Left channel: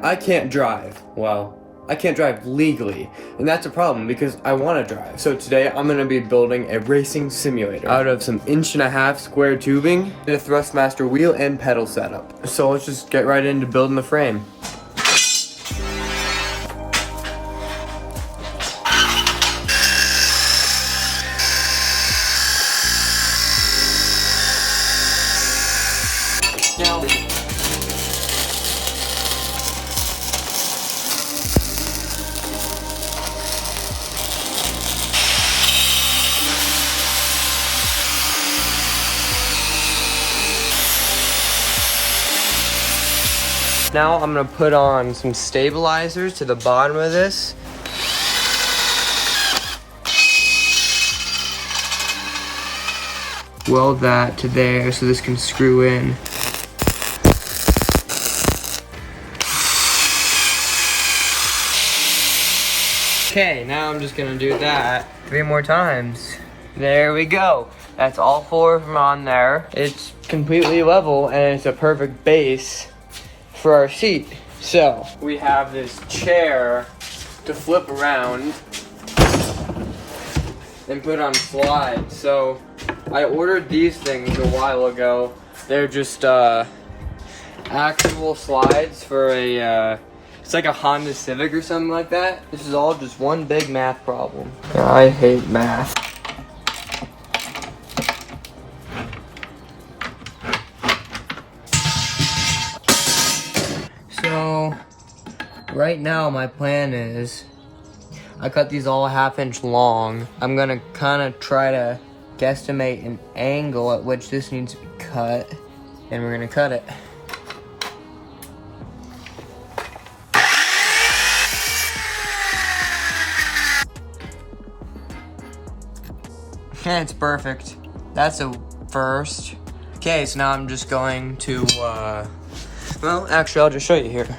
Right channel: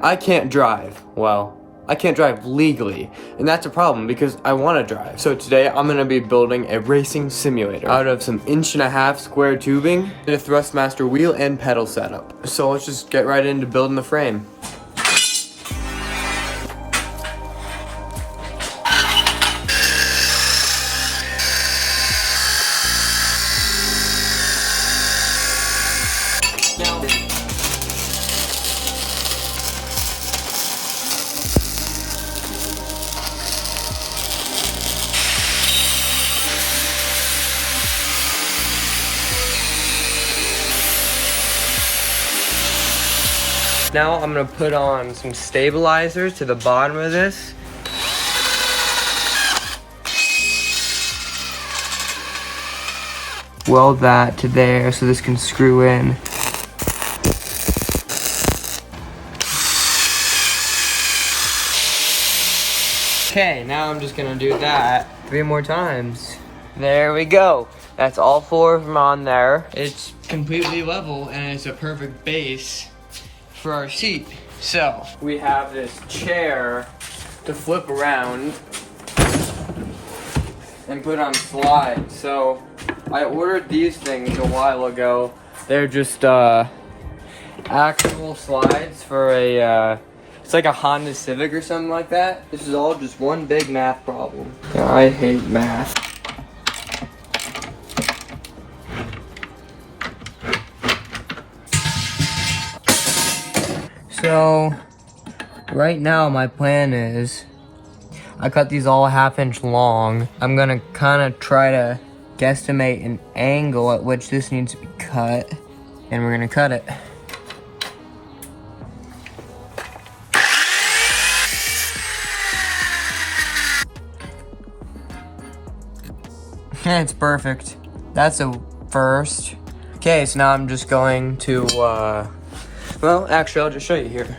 I can't drive. Well, I can't drive legally, and that's a problem because I want to drive. So today I'm going to be building a racing simulator out of some 1.5" square tubing and a Thrustmaster wheel and pedal setup. So let's just get right into building the frame. Now I'm gonna put on some stabilizers to the bottom of this. Weld that to there so this can screw in. Okay, now I'm just gonna do that 3 more times. There we go. That's all 4 of them on there. It's completely level and it's a perfect base for our seat. So we have this chair to flip around and put on slides. So I ordered these things a while ago. They're just actual slides for a it's like a Honda Civic or something like that. This is all just one big math problem. I hate math. So, right now my plan is, I cut these all 1/2 inch long. I'm gonna kind of try to guesstimate an angle at which this needs to be cut, and we're gonna cut it. Okay, it's perfect. That's a first. Okay, so now I'm just going to, well, actually, I'll just show you here.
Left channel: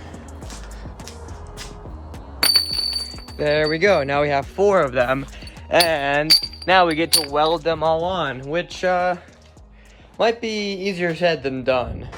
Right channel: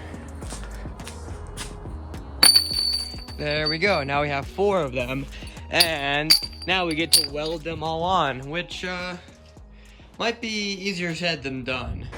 There we go. Now we have 4 of them. And now we get to weld them all on, which might be easier said than done.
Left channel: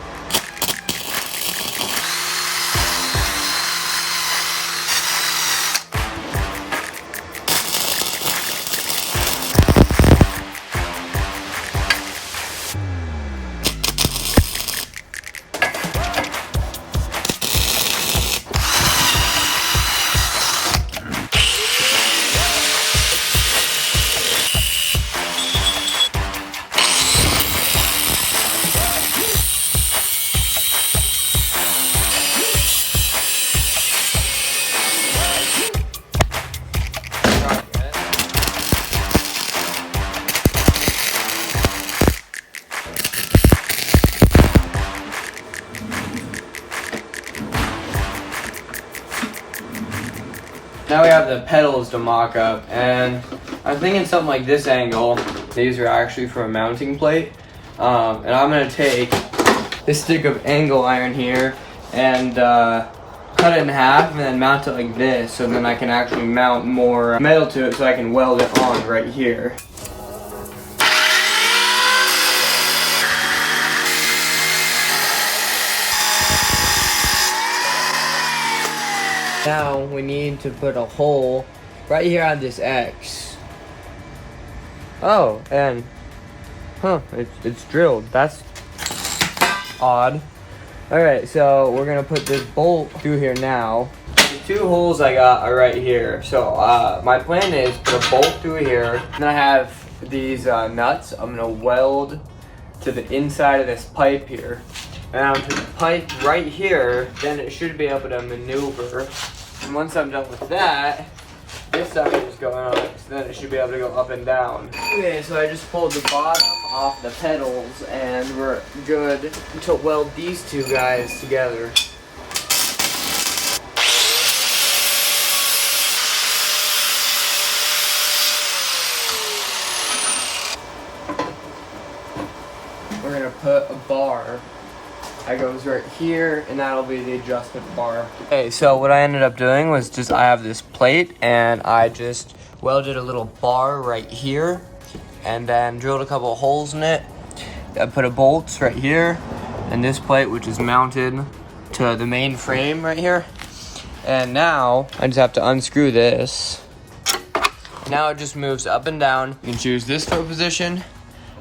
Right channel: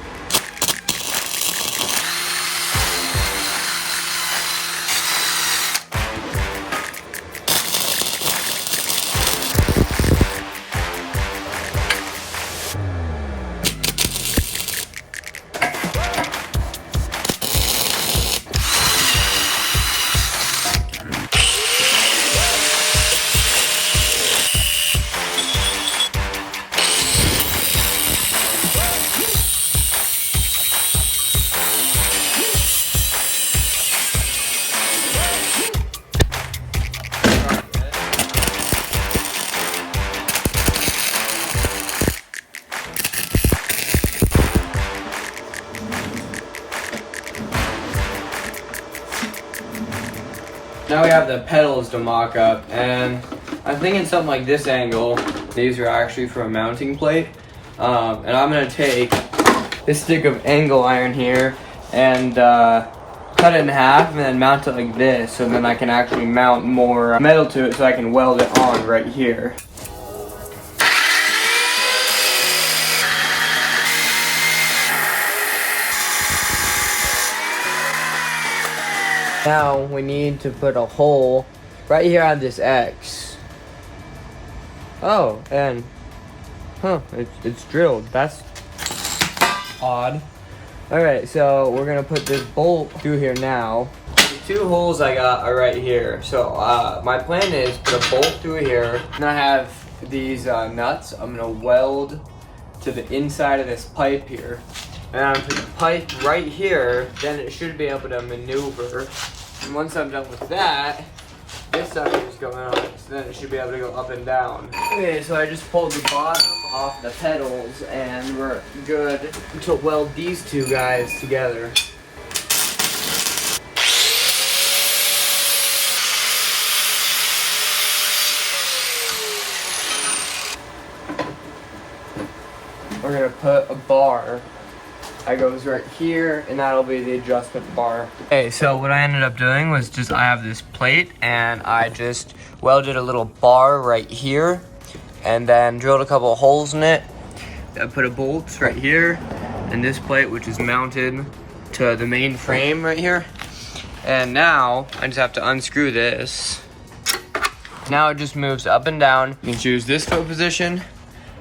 Now we have the pedals to mock up, and I'm thinking something like this angle. These are actually for a mounting plate. And I'm gonna take this stick of angle iron here and cut it in half and then mount it like this, so then I can actually mount more metal to it so I can weld it on right here. Now we need to put a hole right here on this X. Oh, and it's drilled. That's odd. Alright, so we're gonna put this bolt through here now. The 2 holes I got are right here. So my plan is put a bolt through here, and I have these nuts I'm gonna weld to the inside of this pipe here. And I'm gonna put the pipe right here, then it should be able to maneuver. And once I'm done with that, this stuff is going on, so then it should be able to go up and down. Okay, so I just pulled the bottom off the pedals, and we're good to weld these 2 guys together. We're gonna put a bar that goes right here, and that'll be the adjustment bar. Okay, so what I ended up doing was I have this plate, and I just welded a little bar right here, and then drilled a couple of holes in it. I put a bolts right here, and this plate, which is mounted to to the main frame right here. And now I just have to unscrew this. Now it just moves up and down. You can choose this foot position,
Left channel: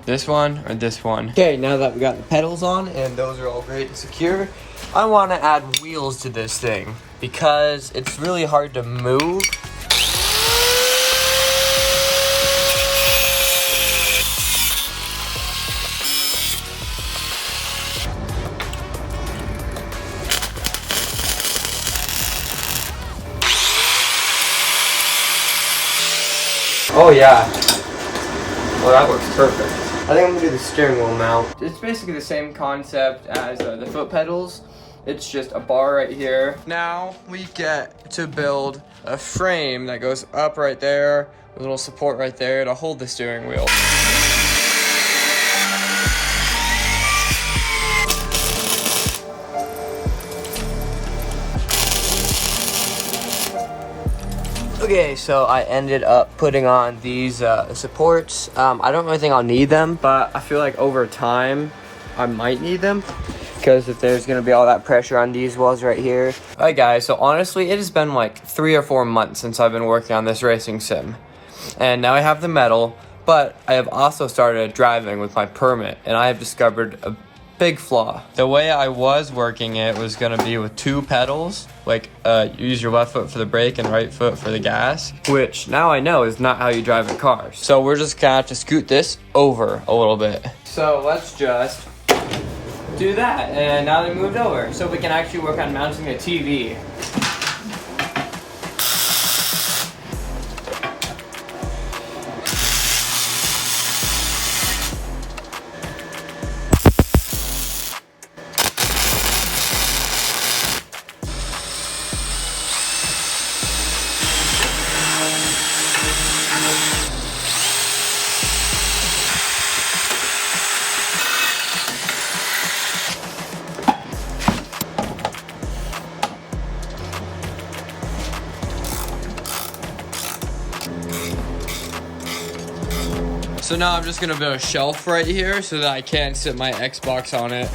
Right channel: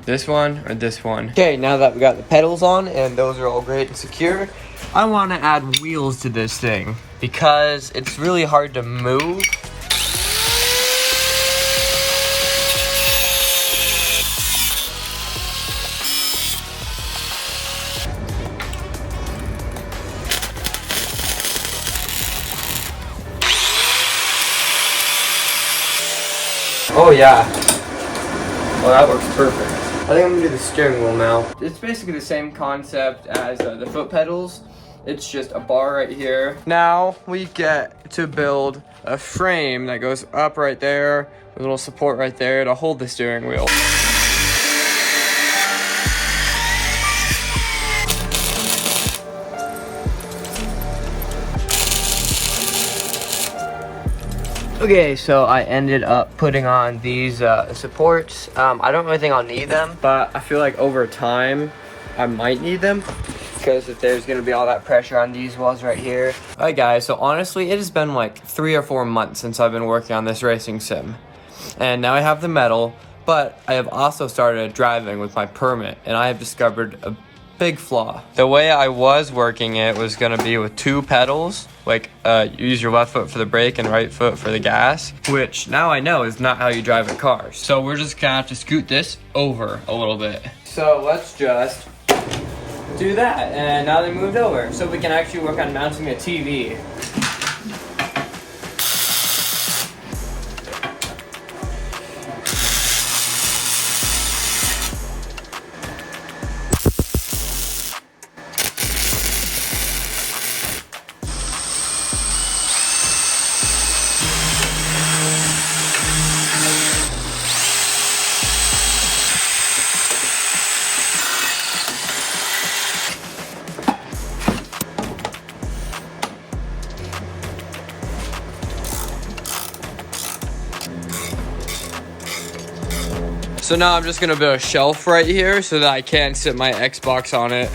this one, or this one. Okay, now that we got the pedals on and those are all great and secure, I want to add wheels to this thing because it's really hard to move. Oh yeah. Well, that works perfect. I think I'm gonna do the steering wheel mount. It's basically the same concept as the foot pedals. It's just a bar right here. Now we get to build a frame that goes up right there with a little support right there to hold the steering wheel. Okay, so I ended up putting on these supports. I don't really think I'll need them, but I feel like over time I might need them because if there's gonna be all that pressure on these walls right here. All right guys, so honestly it has been like 3 or 4 months since I've been working on this racing sim. And now I have the metal, but I have also started driving with my permit and I have discovered a big flaw. The way I was working it was gonna be with 2 pedals, like you use your left foot for the brake and right foot for the gas, which now I know is not how you drive a car. So we're just gonna have to scoot this over a little bit. So let's just do that, and now they moved over, so we can actually work on mounting the TV. So now I'm just gonna build a shelf right here so that I can sit my Xbox on it.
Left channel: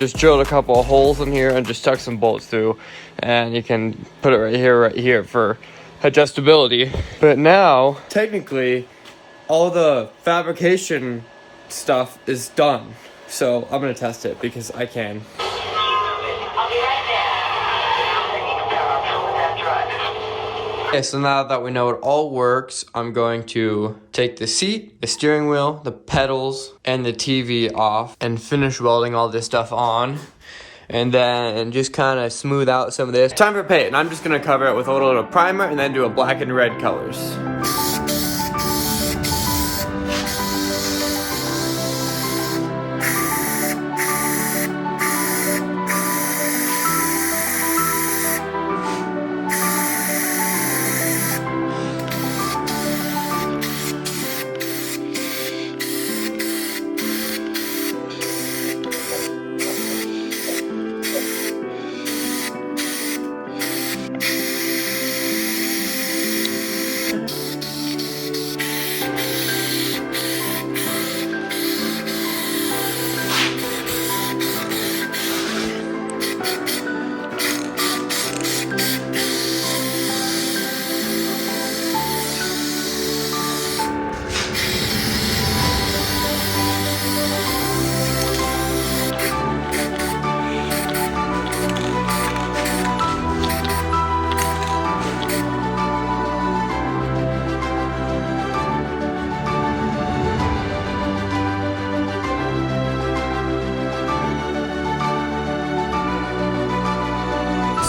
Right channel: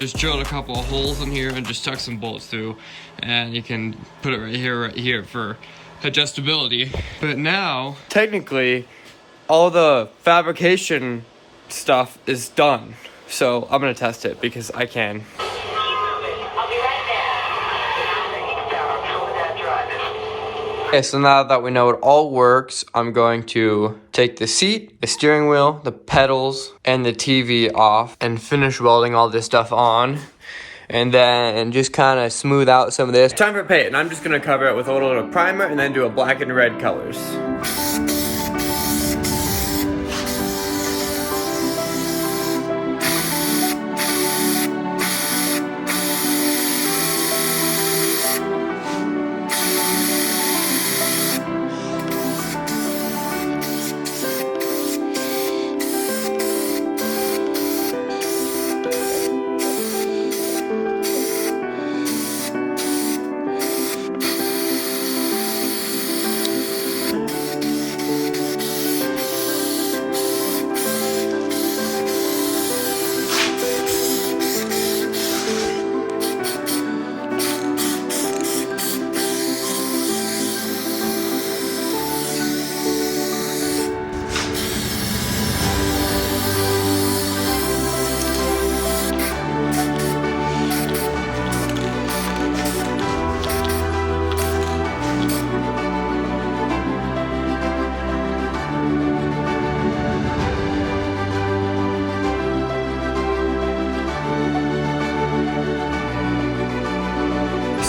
Just drilled a couple of holes in here and just tuck some bolts through, and you can put it right here for adjustability. But now, technically, all the fabrication stuff is done. So I'm gonna test it because I can. Okay, so now that we know it all works, I'm going to take the seat, the steering wheel, the pedals, and the TV off and finish welding all this stuff on. And then just kind of smooth out some of this. Time for paint, and I'm just gonna cover it with a little primer and then do a black and red colors.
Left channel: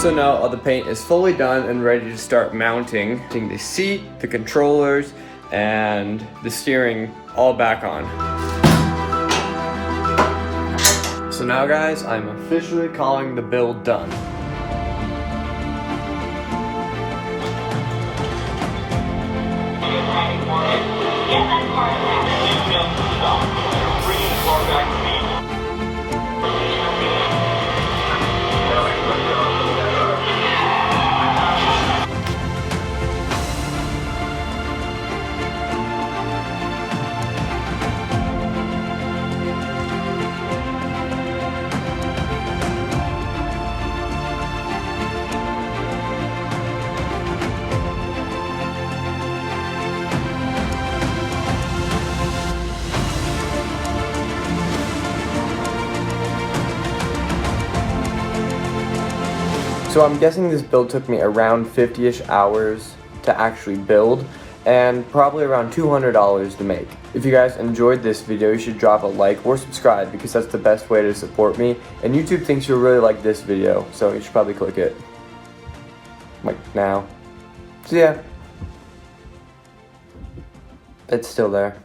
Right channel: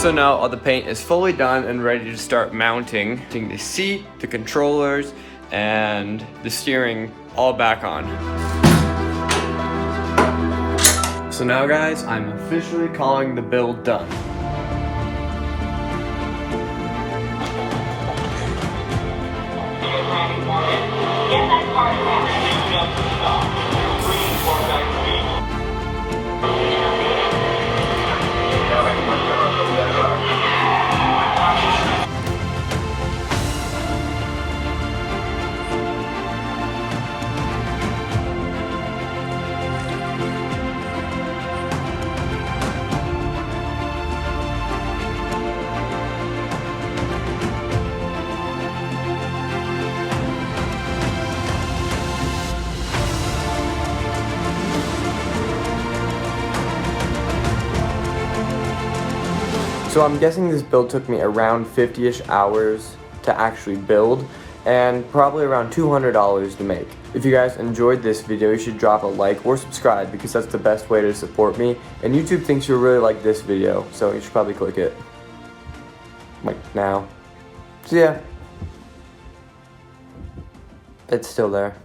So now all the paint is fully done and ready to start mounting the seat, the controllers, and the steering all back on. So now guys, I'm officially calling the build done. So I'm guessing this build took me around 50-ish hours to actually build, and probably around $200 to make. If you guys enjoyed this video, you should drop a like or subscribe, because that's the best way to support me, and YouTube thinks you'll really like this video, so you should probably click it. Like now. So yeah. It's still there.